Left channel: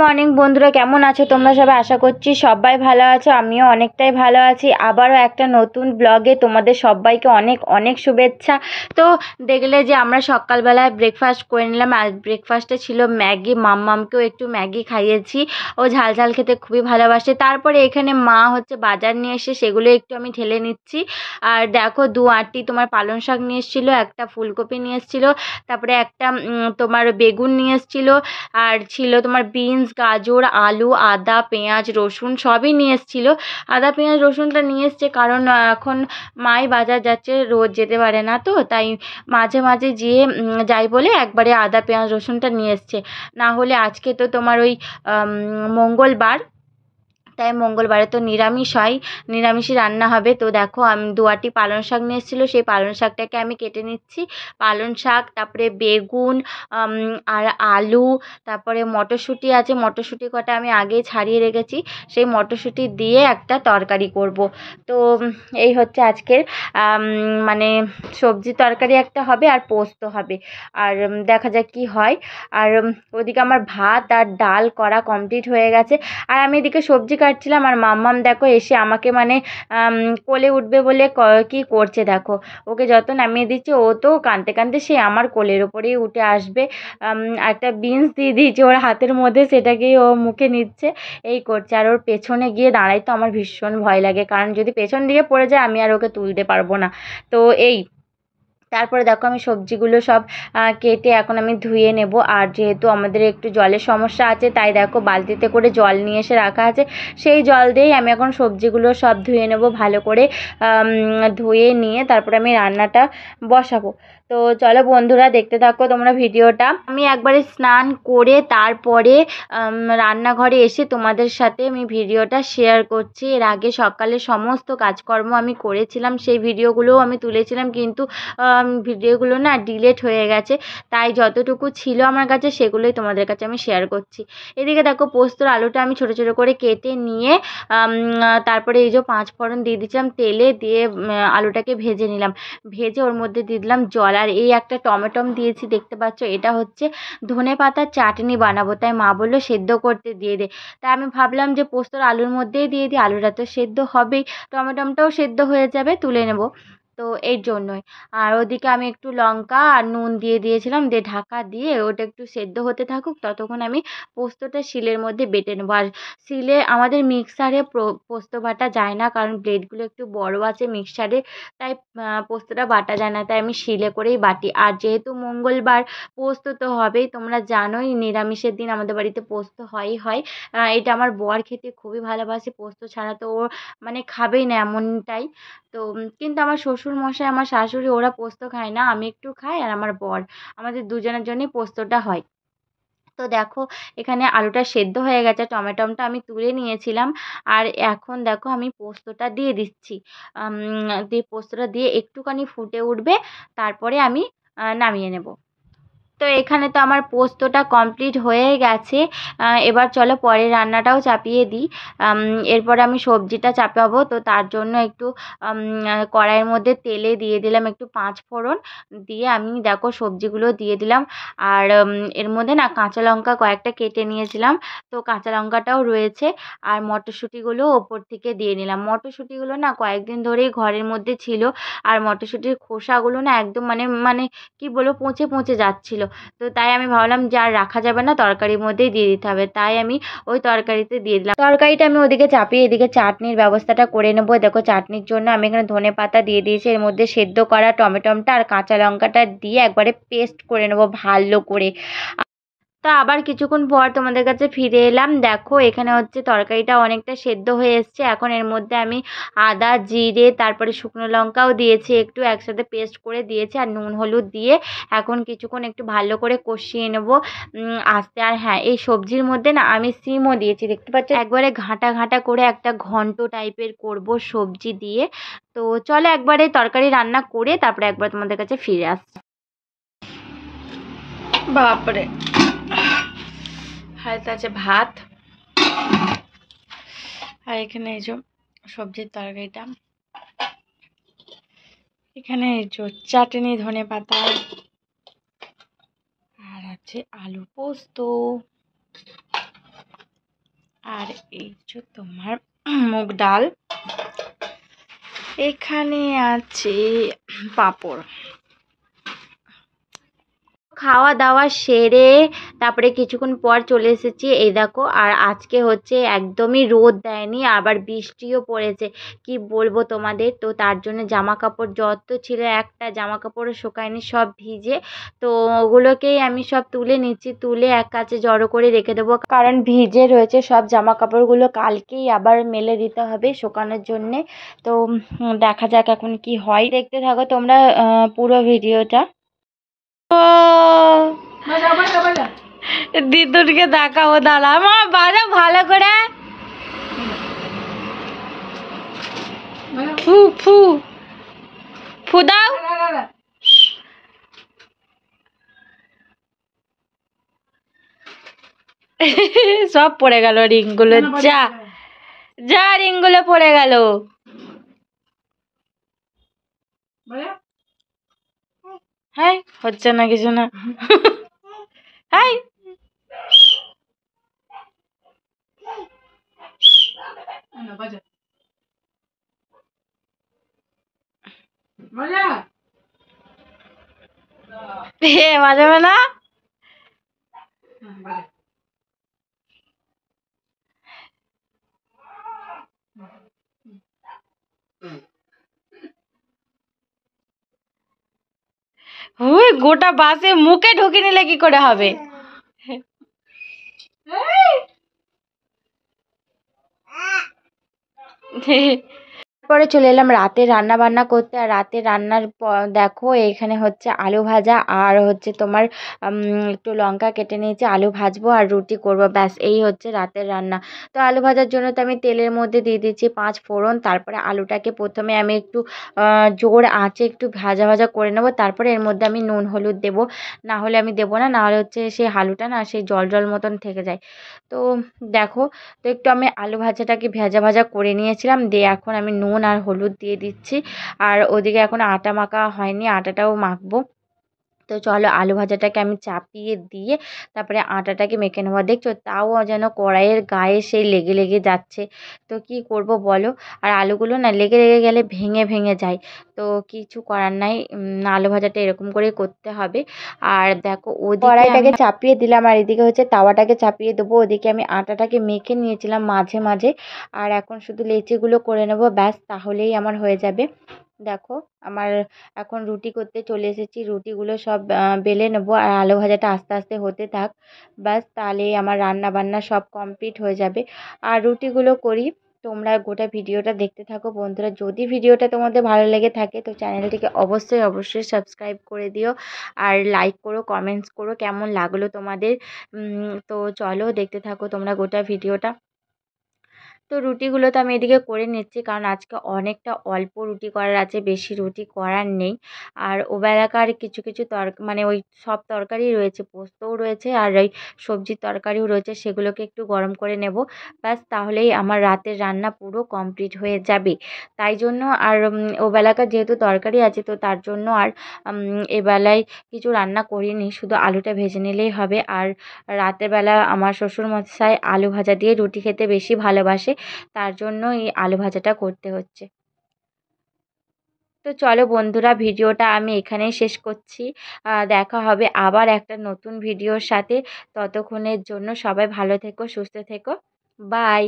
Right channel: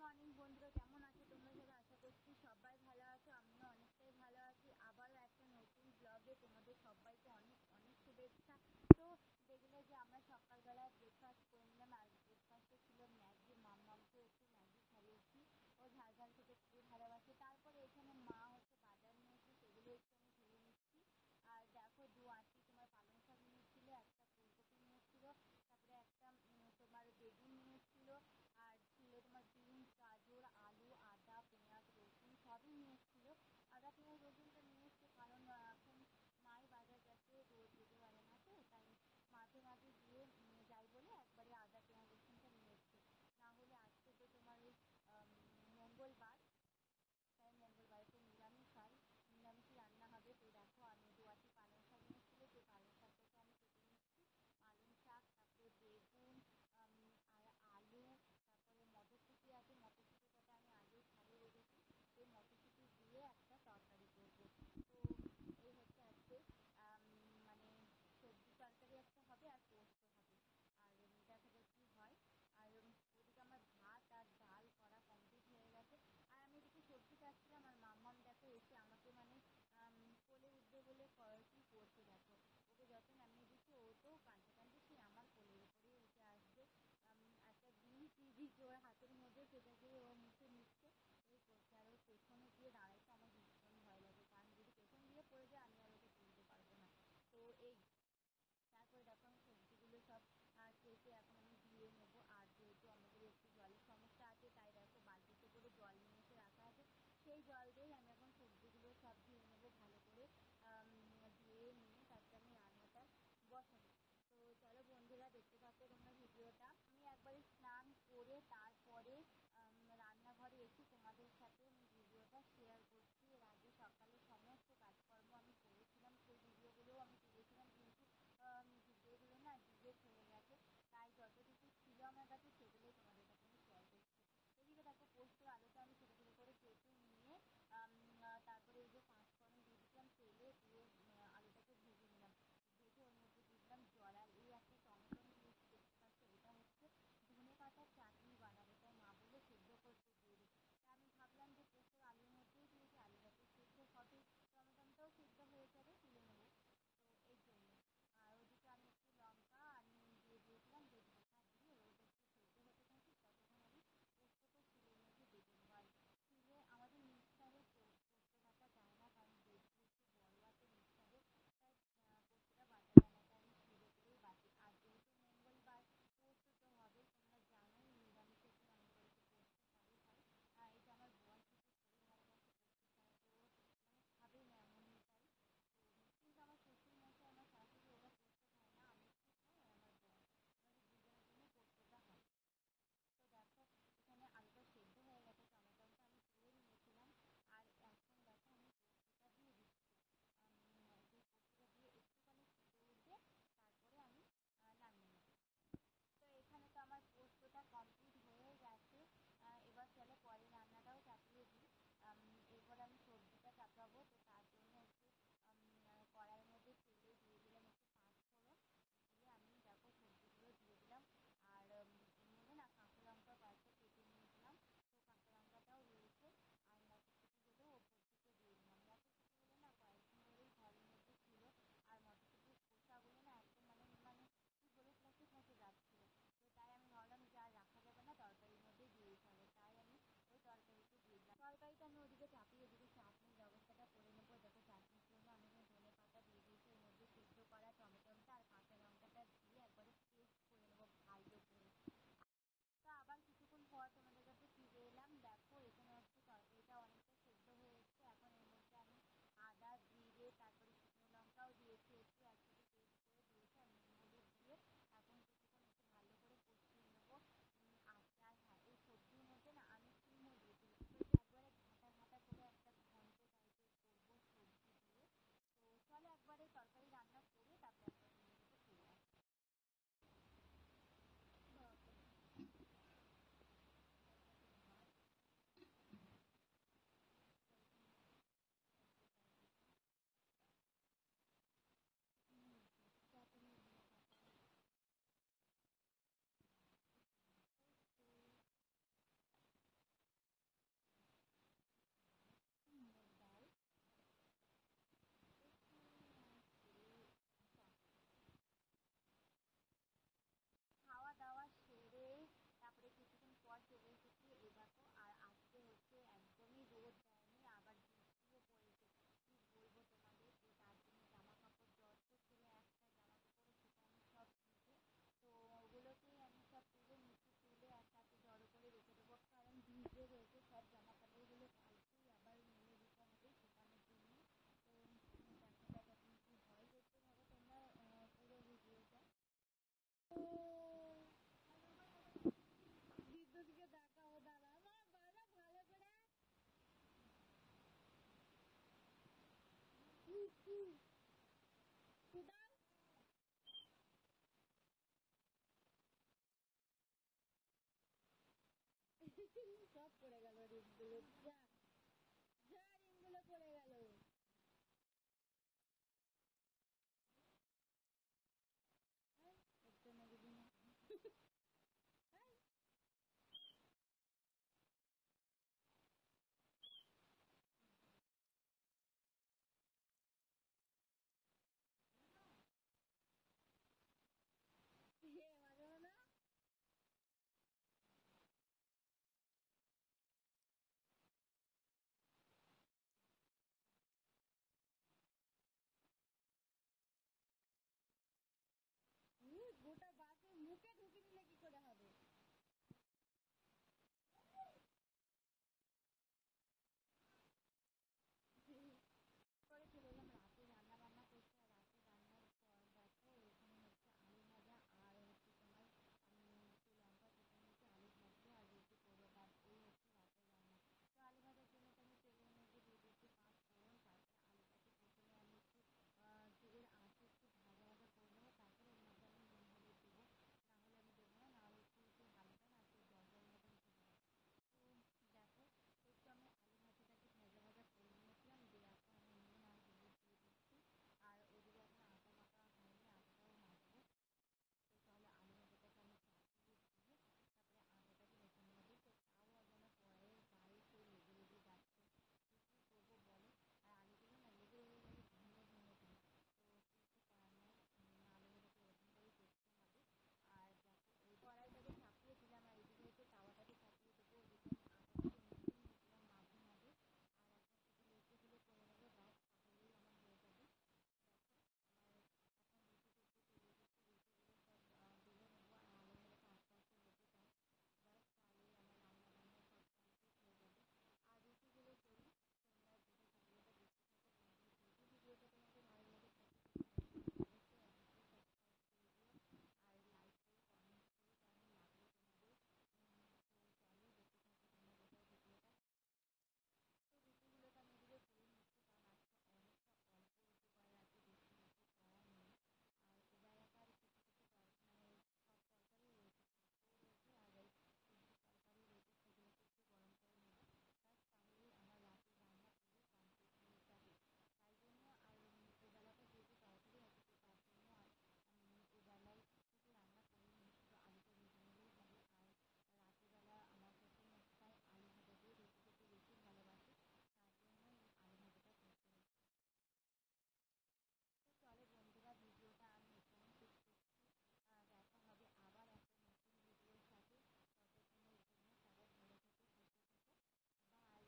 Morning বন্ধুরা, কেমন আছো তোমরা সবাই? আশা করছি সবাই ভালো আছো, আমিও অনেকটাই ভালো আছি। আবারও একটা নতুন ব্লগে তোমাদের সবাইকে অনেক অনেক শুভেচ্ছা। তো দেখলে যে আমরা সকালবেলায় ব্রেকফাস্ট করে নিলাম। আর ব্রেকফাস্টে ছিল ম্যাগি। মাম্মামকেও একটু ম্যাগি খাইয়েছি, ও ঝাল ঝাল খেতে খুবই ভালোবাসে। তারপরে এখানে মা বাজার নিয়ে এসে সেগুলো একটু আমি ঢেলে নিচ্ছি। আর দেখো, 2 আঁটি তোমার পালং শাক নিয়ে এসেছিলো, একটা ফুলকপি নিয়ে এসেছিলো, তারপরে একটা তোমার বেগুন নিয়ে এসেছিলো, আর ছিল তোমার বিনস, গাজর, আলু, আদা, পেঁয়াজ, রসুন সবই নিয়ে এসেছিলো। আদা পেঁয়াজ রসুনটা নিয়ে এসছে কারণ এখন মাই বাজার যাচ্ছে, রোজ যেতে পারে না, তো তাই মাঝে মাঝে যেয়ে যাই বলে একবারে আদা পেঁয়াজ রসুনটা নিয়ে এসছে। না হলে আজকে তো তোমার ওই মঙ্গলবার, তাই মঙ্গলবারে তো নিরামিষ হয়, নিরামিষই রান্না হবে। তো দেখো, আমি 2 আঁটি পালং শাক নিয়ে এসেছিলো, সেই পালং শাকটাকে আমি কেটে নিচ্ছি। পালং শাক, তারপরে বেগুন, আর আলু, তারপরে মটরশুঁটি আছে, মটরশুঁটি কটা আমি আগেই ছাড়িয়ে রেখেছি, সেই মটরশুঁটি দিয়ে একটা তরকারি করব। তো এই হচ্ছে আজকের মানে সবজি তরকারি একটা হবে আর পোস্ত হবে। আর দেখা যাক কি হয়। আর ওদিকে আমার ভাত আর ডাল করা কমপ্লিট হয়ে গেছে। আর আমি এদিকে সবজি কাটছিলাম, আর মাম্মাম দেখো এসে আমাকে কোলে উঠবে বলে কি করছে দেখো। ওকে যত নামিয়ে দিচ্ছে ও তো কাঁদতে কাঁদতে সে আমার কোলের ওপরেই উঠে আসবে। একটা বিনস দিয়ে দিয়েছে ওর হাতের মধ্যে, সেটাকেই ও মুখে নিচ্ছে, এই করছে। আর ওর পেছনে গিয়ে দাঁড়াই তো আমার ভীষণ ভয় লাগে, কারণ যদি পেছন দিকে পড়ে যায় আমি আর ওকে তুলতে পারবো না। তো এই, তারপরে দেখো আমি সবজিগুলো সব কেটে এখন আমি ধুয়ে নেব। আর যেহেতু আমাদের একটু জলের সমস্যা আছে, তাই দেখো বালতিতে করে জল নিয়ে এসে রাখা আছে, সেই জল দিয়েই আমি এখন সবজিগুলো সব ধুয়ে নেব ভালো করে। ধুয়ে নিয়ে তারপরে আমি রান্নাটা বসাবো। তো চলো বন্ধুরা, দেখতে থাকো তোমরা ভিডিওটা। আমি একবারে স্নান করে তারপরে রান্নাঘরে এসে তোমাদের সাথে আমি ভিডিওটা শেয়ার করছি। এর আগে সকালে সমস্ত কাজকর্ম আমি করেছিলাম, সেই ভিডিওগুলোও আমি তুলেছিলাম, কিন্তু ভিডিওগুলো না ডিলিট হয়ে গেছে, তাই যতটুকু ছিল আমার কাছে সেগুলোই তোমাদের কাছে আমি শেয়ার করছি। এদিকে দেখো, পোস্তর আলুটা আমি ছোটো ছোটো করে কেটে নিয়ে তারপরে এই যে 5 ফোড়ন দিয়ে দিয়েছিলাম তেলে, দিয়ে আলুটাকে ভেজে নিলাম। ভেজে ওর মধ্যে দিয়ে দিলাম জল, আর এই একটা টমেটম দিয়েছি, দেখতে পাচ্ছ। এটা হচ্ছে ধনেপাতার চাটনি বানাবো, তাই মা বললো সেদ্ধ করতে দিয়ে দে। তাই আমি ভাবলাম যে পোস্তর আলুর মধ্যেই দিয়ে দিই, আলুটা তো সেদ্ধ হবেই, টমেটমটাও সেদ্ধ হয়ে যাবে, তুলে নেব। তো এই জন্যই। আর ওদিকে আমি একটু লঙ্কা আর নুন দিয়ে দিয়েছিলাম, দিয়ে ঢাকা দিয়ে ওটা একটু সেদ্ধ হতে থাকুক, ততক্ষণ আমি পোস্তটা শিলের মধ্যে বেটে নেবো। আর শিলে আমাদের মিক্সারে পোস্ত বাটা যায় না, কারণ ব্লেডগুলো একটু বড় আছে মিক্সারে, তাই পোস্তটা বাটা যায় না, তাই আমি শিলে করেই বাটি। আর যেহেতু মঙ্গলবার, পোস্ত তো হবেই, তোমরা জানোই নিরামিষের দিন আমাদের বাড়িতে পোস্ত হয়ই হয়। এটা আমার বর খেতে খুবই ভালোবাসে, পোস্ত ছাড়া তো ও খাবেই না এমনটাই। তো কিন্তু আমার শ্বশুরমশাই, আমার শাশুড়ি ওরা পোস্ত খায় না, আমি একটু খাই আর আমার বর, আমাদের দুজনের জন্যই পোস্তটা হয়। তো দেখো, এখানে আলুটা সেদ্ধ হয়ে গেছে, টমেটোটা আমি তুলে নিয়েছিলাম। আর এখন দেখো আমি পোস্তটা দিয়ে দিচ্ছি। দিয়ে পোস্তটা দিয়ে একটুখানি ফুটে উঠবে, তারপরে আমি নামিয়ে নেব। তো এখানে তো আমার পোস্তটা কমপ্লিট হয়ে গেছে। এবার চলো পরের রান্নাটাও চাপিয়ে দিই। এরপর আমি সবজিটা চাপাবো, তো তার জন্য একটু কড়াইয়ের মধ্যে তেলে দিয়ে দিলাম একটু 5 ফোড়ন, দিয়ে আমি দেখো সবজিগুলো দিয়ে দিলাম। আর এর মধ্যে না কাঁচা লঙ্কা কয়েকটা কেটে নিয়েছিলাম, তো কাঁচা লঙ্কাটাও রয়েছে। আর মটরশুঁটিগুলো ওপর থেকে দিয়ে নিলাম। মটরশুঁটিগুলো না কয়েকদিন ধরেই ঘরের মধ্যে ছিল, আর মটরশুঁটির খোসাগুলো না একদম মানে কি বলবো, পচে পচে যাচ্ছিল। তো তাই আমি ভাবলাম যে আর রাখা যাবে না, তরকারির মধ্যেই দিয়ে দিতে হবে, তাই আমি ওই তরকারিতে দিয়ে দিলাম। তরকারিটা আমি ওদিকে চাপিয়ে এদিকে চাটনির ব্যবস্থাটা করে নেবো। দেখো, চাটনির জন্য আমি এখানে ধনেপাতা দিয়ে দিয়েছি, এর মধ্যে সেদ্ধ করা টমেটোটা আর কাঁচা লঙ্কাটা দিয়ে একবারে পেস্ট করে নেবো ভালো করে। তা আবার কিছুক্ষণ পর তোমাদের কাছে ফিরে এলাম। দেখো, এখানে হচ্ছে তরকারিটা অনেকটা সেদ্ধ হয়ে এসছে। এখন এর মধ্যে আমি আদা, জিরে, তারপরে শুকনো লঙ্কাও দিয়েছি, একটু একসাথে পেস্ট করে দিয়েছি, আর নুন হলুদ দিয়ে এখন কিছুক্ষণ একটু ভালো করে কষিয়ে নেবো আস্তে। আর হ্যাঁ, এই সবজির মধ্যে না আমি সিমও দিয়েছি, দেখতে পাচ্ছ, একবারে ঘাঁটা ঘাঁটা করে একটা ঘন্ট টাইপের করব সবজি দিয়ে। তো চলো একবারে তরকারি রান্না করে তারপরে একবার তোমাদের কাছে ফিরে আসছি। বাপরে, হাতে আছে ভাত, আর এখানে এই যে সবজির তরকারিটা, এখানে এই যে চাটনি ধনেপাতা, আর আছে আলু পোস্ত। এই যে তোমার মুগ ডাল, এখানে আছে পাঁপড়। খাওয়া দাওয়া সেরে তারপরে কিছুক্ষণ পর চলে এসেছি, এই দেখো। আর আজকে হচ্ছে একদমই রোদ দেয়নি, আবার বৃষ্টিও পড়েছে, কি বলবো তোমাদের। তো তার জন্য জামা কাপড় যত ছিল, একটা জামা কাপড়ও শুকায়নি, সব ভিজে। তো ওগুলোকেই আমি সব তুলে নিচ্ছি, তুলে এক কাছে জড়ো করে রেখে দেবো, কারণ ভিজে রয়েছে সব জামা কাপড়গুলো, কালকেই আবার মেলে দিতে হবে শুকানোর জন্যে। তো দেখা যাক এখন কি হয়, দেখতে থাকো তোমরা পুরো ভিডিওটা। দিদুনকে দেখাবো, দাঁড়া মা, বাজা ভালো করে। ফু ফু ফু দাও। সব পড়ে গেল রিংগুলো, যা যা রিংগুলো পড়ে গেল। হ্যাঁ, হচ্ছে না কিছু না। হ্যাঁ, বাজাবে না। ওই গোটা বাসে মুখে ঢুকে নিলে কি করে হবে। পরে চলে এলাম রাতে রান্না বান্না করতে। আর রাতে রান্নার দেখো, এখানে হচ্ছে আলু ভাজা, আর হচ্ছে তোমার একটু লঙ্কা কেটে নিয়েছি, আলু ভাজবো আর রুটি করব, ব্যাস এই হচ্ছে রাতের রান্না। তো আলু ভাজার জন্য তো আমি তেলের মধ্যে দিয়ে দিচ্ছি 5 ফোড়ন। তারপরে আলুটাকে প্রথমে আমি একটু জোর আঁচে একটু ভাজা ভাজা করে নেবো, তারপরে এর মধ্যে আমি নুন হলুদ দেবো, না হলে আমি দেবো না, না হলে হচ্ছে সেই আলুটা না সেই জল জল মতন থেকে যায়। তো দেখো, তো একটু আমি আলু ভাজাটাকে ভাজা ভাজা করে নিয়েছিলাম, দিয়ে এখন আমি নুন আর হলুদ দিয়ে দিচ্ছি। আর ওদিকে এখন আটা মাখা হয়নি, আটাটাও মাখবো। তো চলো, আলু ভাজাটাকে আমি চাপিয়ে দিয়ে তারপরে আটাটাকে মেখে নেবো। দেখছো, তাও যেন কড়াইয়ের গায়ে সেই লেগে লেগে যাচ্ছে। তো কি করব বলো। আর আলুগুলো না লেগে লেগে গেলে ভেঙে ভেঙে যায়। তো কিছু করার নাই, আলু ভাজাটা এরকম করেই করতে হবে। আর দেখো, ওদিকে কড়াইটাকে চাপিয়ে দিলাম, আর এদিকে হচ্ছে তাওয়াটাকে চাপিয়ে দেবো। ওদিকে আমি আটাটাকে মেখে নিয়েছিলাম মাঝে মাঝে। আর এখন শুধু লেচিগুলো করে নেব, ব্যাস তাহলেই আমার হয়ে যাবে। দেখো, আমার এখন রুটি করতে চলে এসেছি, রুটিগুলো সব বেলে নেবো, আর আলু ভাজাটা আস্তে আস্তে হতে থাক, ব্যাস তাহলেই আমার রান্না বান্না সব কমপ্লিট হয়ে যাবে। আর রুটিগুলো করি, তোমরা গোটা ভিডিওটা দেখতে থাকো বন্ধুরা। যদি ভিডিওটা তোমাদের ভালো লেগে থাকে তো চ্যানেলটিকে অবশ্যই অবশ্যই সাবস্ক্রাইব করে দিও, আর লাইক করো, কমেন্টস করো কেমন লাগলো তোমাদের। তো চলো, দেখতে থাকো তোমরা গোটা ভিডিওটা। তো রুটিগুলো তো আমি এদিকে করে নিচ্ছি, কারণ আজকে অনেকটা অল্প রুটি করার আছে, বেশি রুটি করার নেই। আর ওবেলাকার কিছু কিছু মানে ওই সব তরকারি রয়েছে, পোস্তও রয়েছে আর ওই সবজির তরকারিও রয়েছে, সেগুলোকে একটু গরম করে নেব, ব্যাস তাহলেই আমার রাতের রান্না পুরো কমপ্লিট হয়ে যাবে। তাই জন্য আর ওবেলাকার যেহেতু তরকারি আছে, তো তার জন্য আর এবেলায় কিছু রান্না করিনি, শুধু আলুটা ভেজে নিলেই হবে। আর রাতের বেলা আমার শ্বশুরমশাই আলু ভাজা দিয়ে রুটি খেতে বেশি ভালোবাসে, তার জন্য এই আলু ভাজাটা করতে হচ্ছে। তো চলো বন্ধুরা, ভিডিওটা আমি এখানেই শেষ করছি। দেখা হবে আবার একটা নতুন ভিডিওর সাথে। ততক্ষণের জন্য সবাই ভালো থেকো, সুস্থ থেকো, বাই।